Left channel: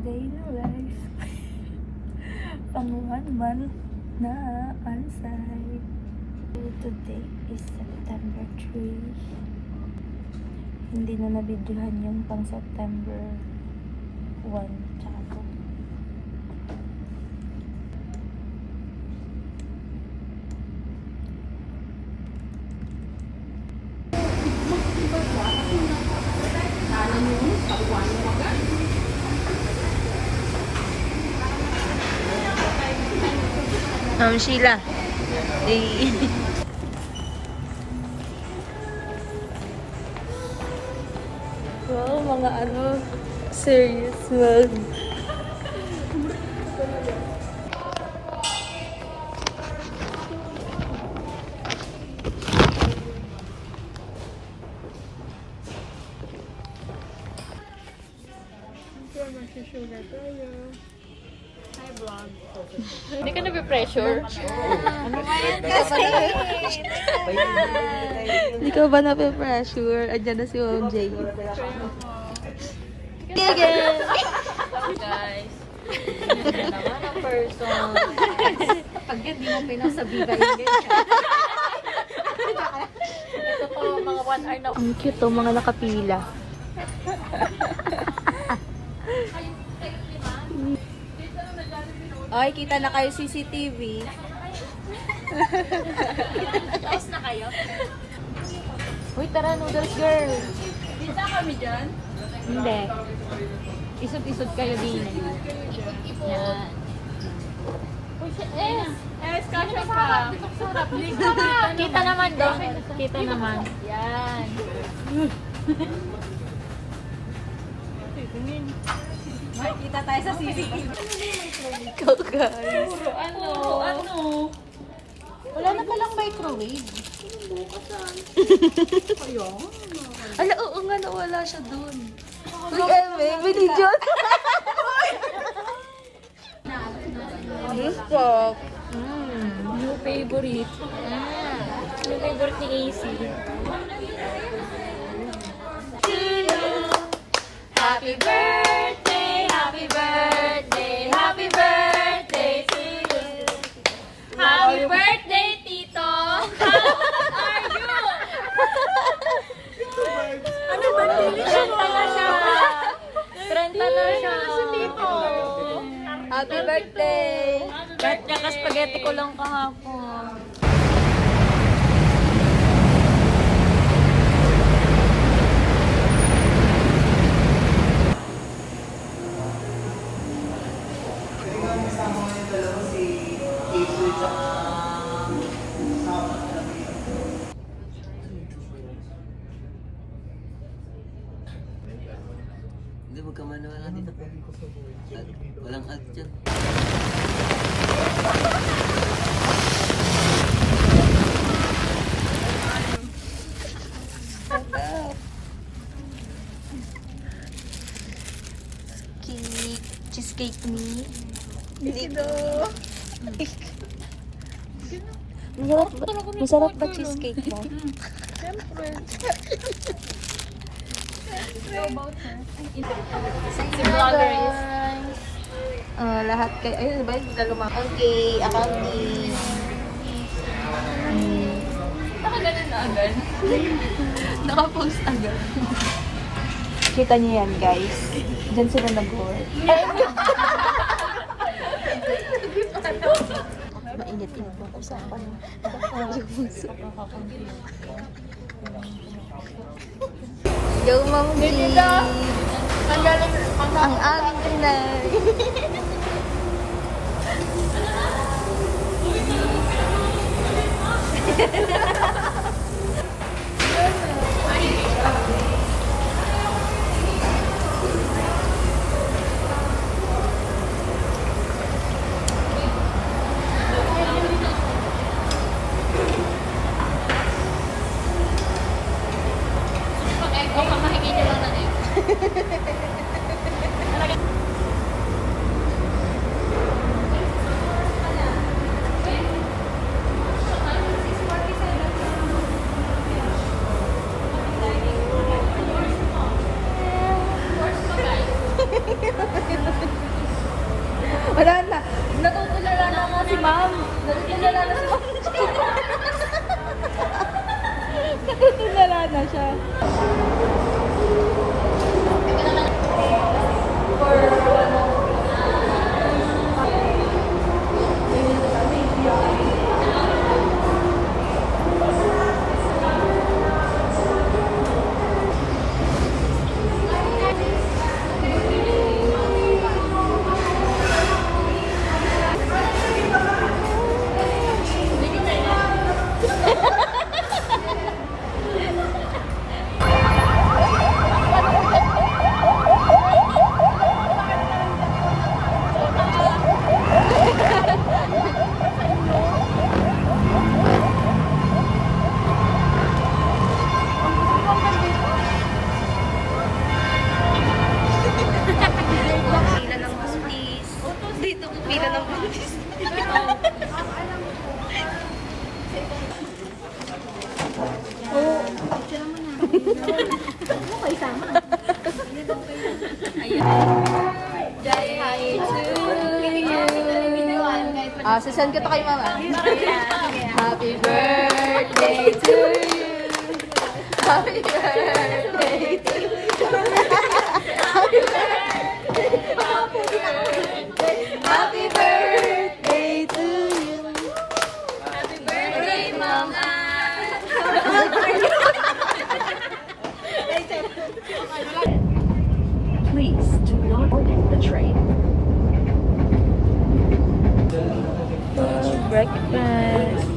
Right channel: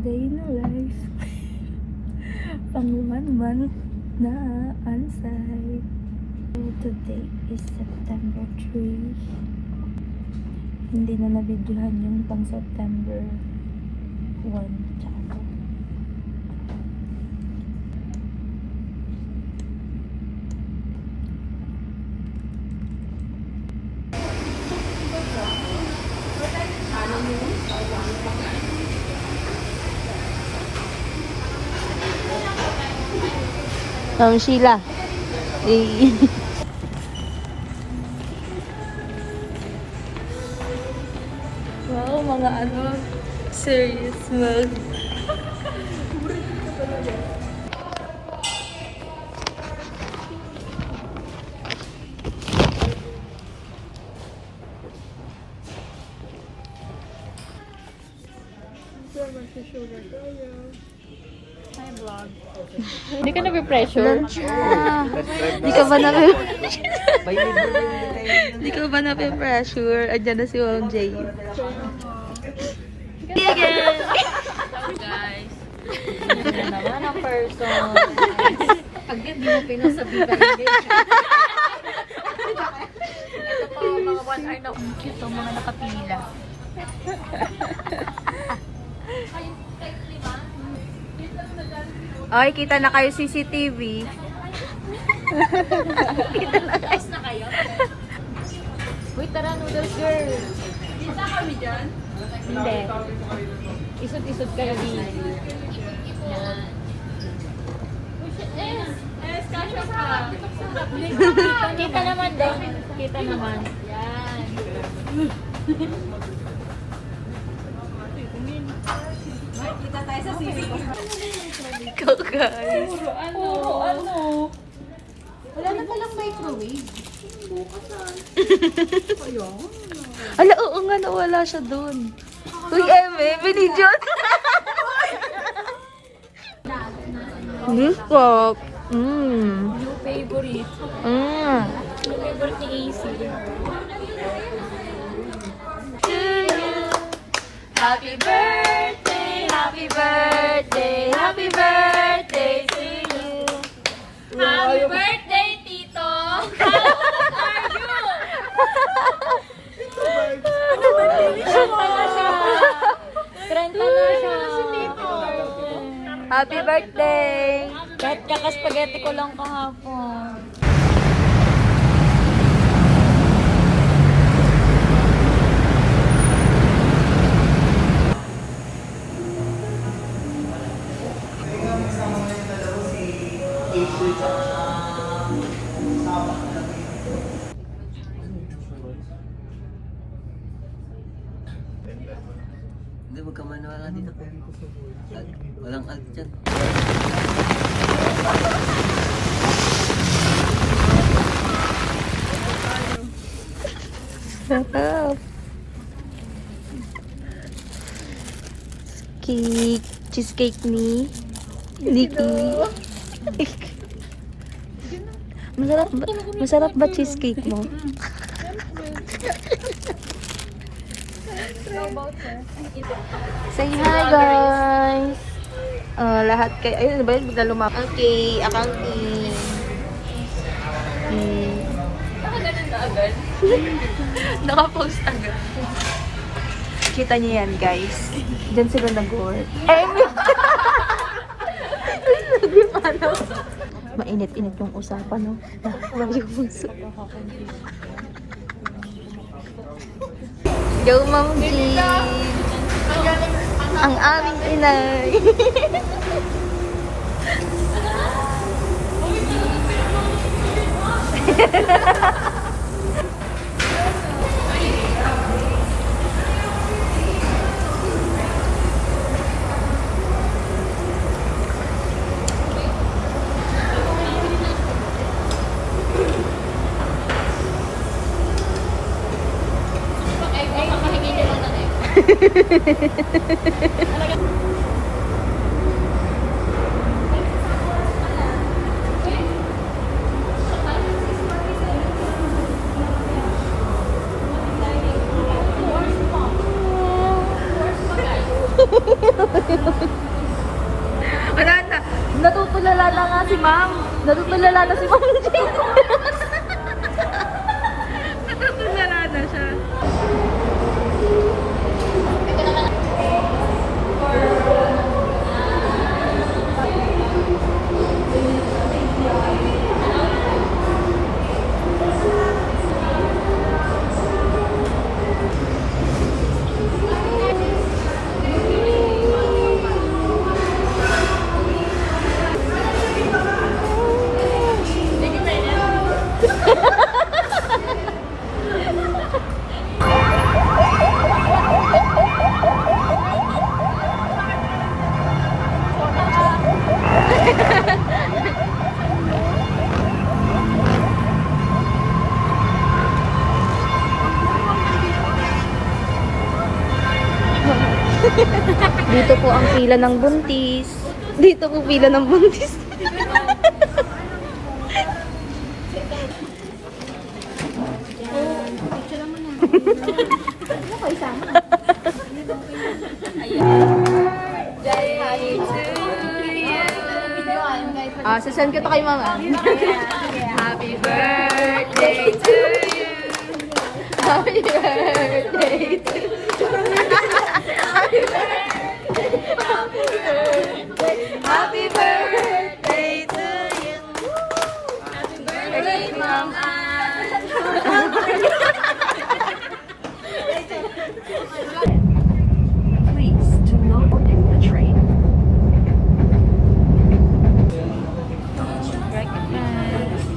day in a life. Pang 1 month na on-site. So, today is September 3. Hindi na nabidyohan yung pang September 1 tsaka 2. Sheila. Wow, mga serious mode. Hi, vlog. Hindi ka na-pressure? Hindi ka ba Hindi ka ba na-pressure? Andyan na si Ma'am Jay. Again! Guys. Hindi naman ang person. Pag di mo pinasabigay din. Ito po, mga 1 hour na. Ang cute oh, mga nakapila. Oy, kita na kayo CCTV. Tapos na kayo? Wait, tara, noodles girl. Kita kami dyan? Hindi. Isod-isod kayo din. Yan. Kasha ka. Kita naman doon. Kita naman. Yan. Makikita tayo sa CCTV. Ikaw guys. Ano? Wala na palang microwave. Ala, oo nga, nawala siya dun. Uy, Eme, binidyon. This pop. New favorite. New favorite ni AC. Happy birthday, happy birthday, happy birthday to you. Happy birthday, Tito! How old are you? Ano ba siya? 30 na siya. Si Tito. Happy birthday. Kahit kaka-spaghetti ko lang kahapon. Hindi, huwag ka maniwala dito. Walang ag dyan. Cake, cheesecake ni Nico. Masarap ba cheesecake mo? Say hi guys! Lahat kayo, ayun ba yun? Bigla lumakas. Okay, accounting. Nakaganon na agad. Nakapost agad. Kita niyo yan guys. Diyan sila nag-work. Mainit-init yung usapan, no? Nakakawag yung puso. Go, Ma'am G! Ang aming inay! na si Ma'am Jane. Natutulala na siya. Dito po ang pila ng buntis. Dito po pila ng buntis. Sasend ko to kay mama. Happy birthday to you. Happy birthday to you. Happy birthday to you. Happy birthday, Mama. Please do not board the train. Breakfast.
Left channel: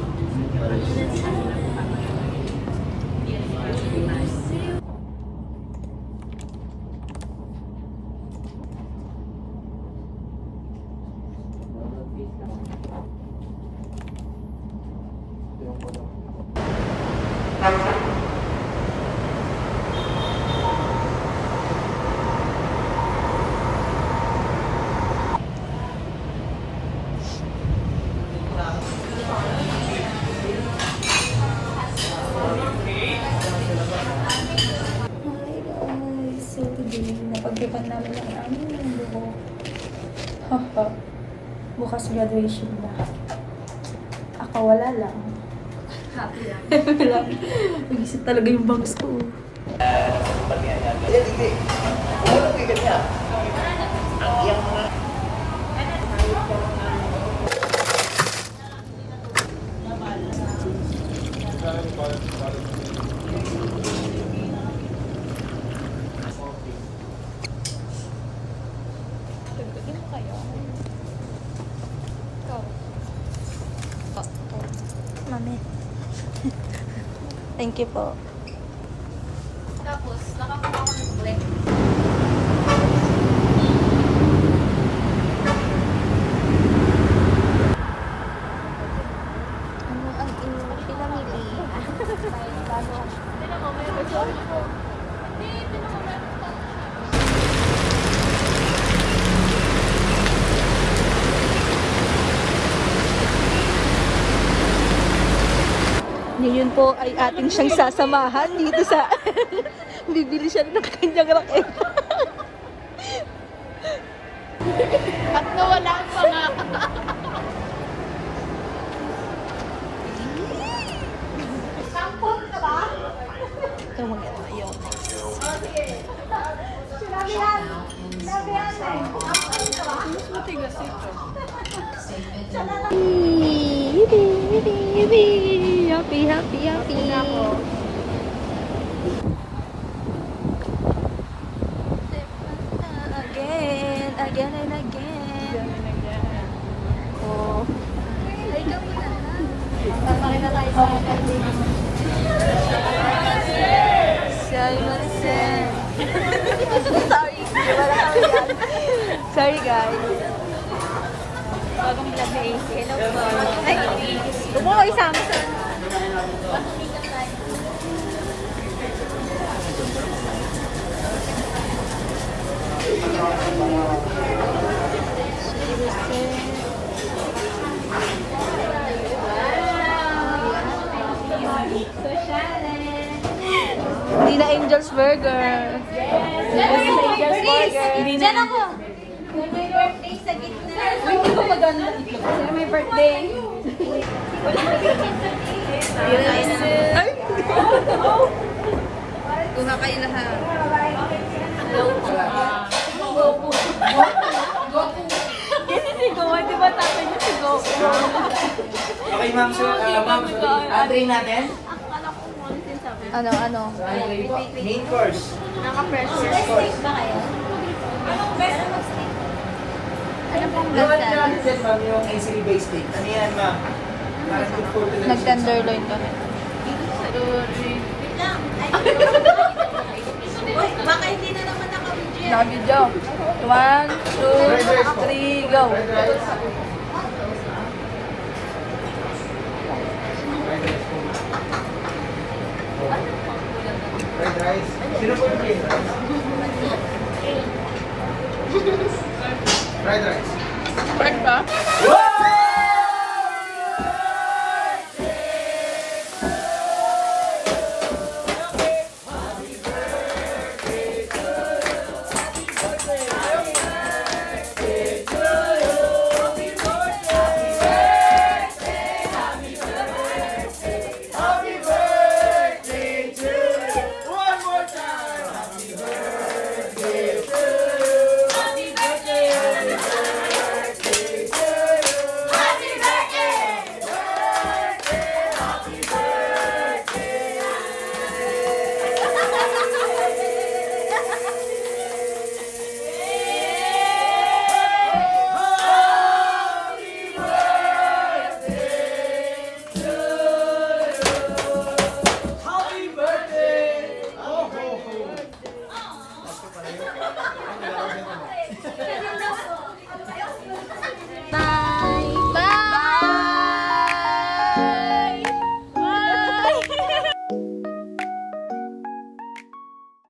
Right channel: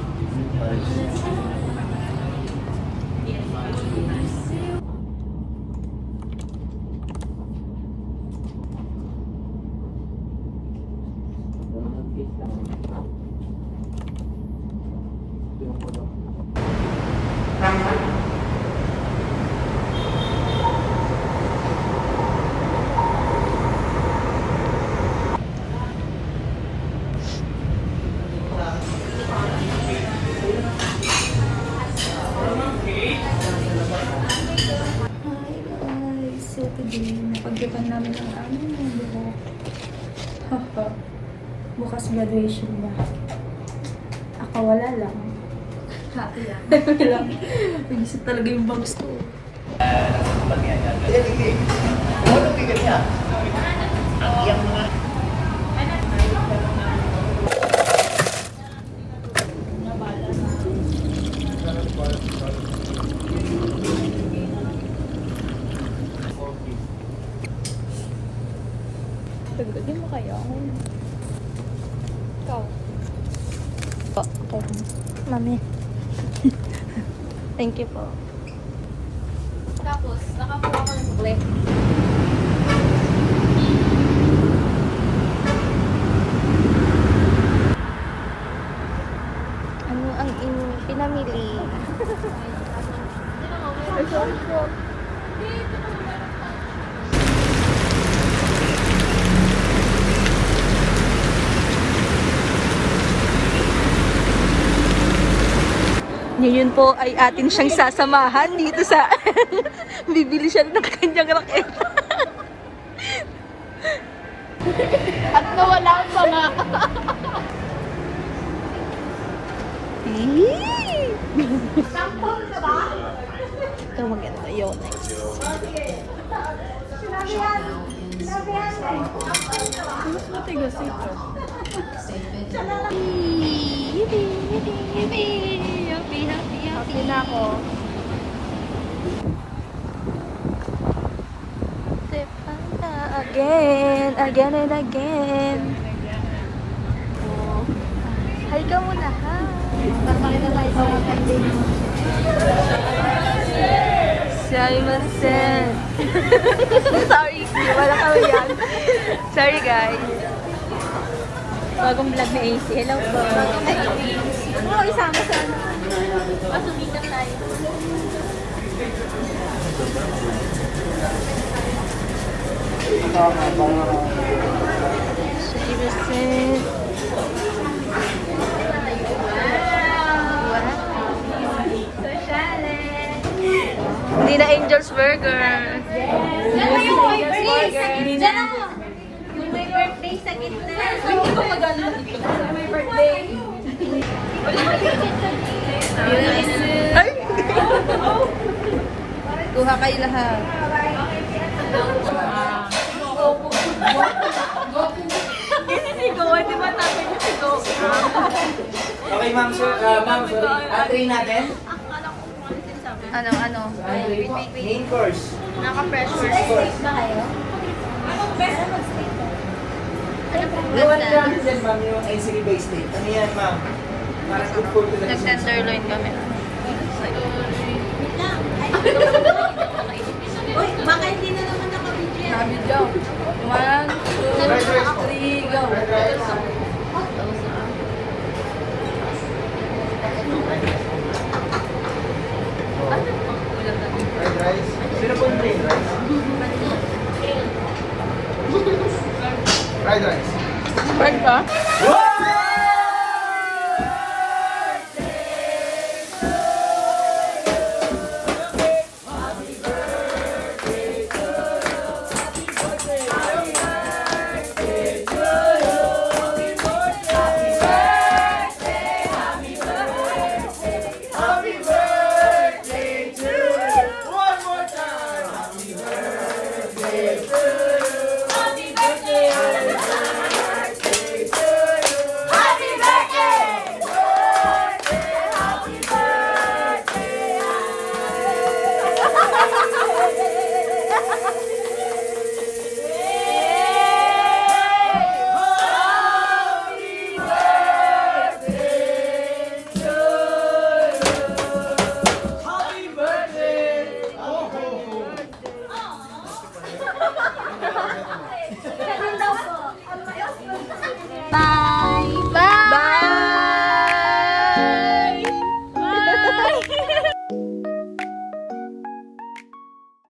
So today, napagdiban namin ang aming buhok. Haha. Bukas graduation na. Ako wala lang. Happy lang. Happy lang. Nag-isip talaga yung bangs ko. Okay. Mami. Thank you po. Tapos, nakakuha ko ng black. Ano ang inyong pinamili? Tingnan mo, may result ko. Tingnan mo, meron pa. Ngayon po ay atin siyang sasamahan dito sa bibili siya ng kanyang raket. At nawala ang pala. Sampol ka ba? Ito maganda yun. Nice. Mas matigas ito. Yippee! Yippee! Yippee! Happy! Happy! Happy! Again! Again and again! Oh. Hi ka muna, ha? Simon-sen! Sorry, wala kami yan. Sorry, guys. Bagong vlog na AC. Hello po. Ay, oo, isama sa... Hindi na Angel's Burger. Hindi na. May birthday sa gitna. Kasi may birthday. Yes. Tuha kayo lahat. Kasi si Goa, di ba tatay niya si Goa? Okay, ma'am, sir. Ma'am, sorry. Try natin. Ano? Try po. Main course. First course. Yung ano yan, ma'am, yung ACV based steak. Ano yan, ma'am? Parang good for the Nag-tenderloin kami. Uy, baka hindi na naman naka-video. Nabidyo. 1, 2, 3, go.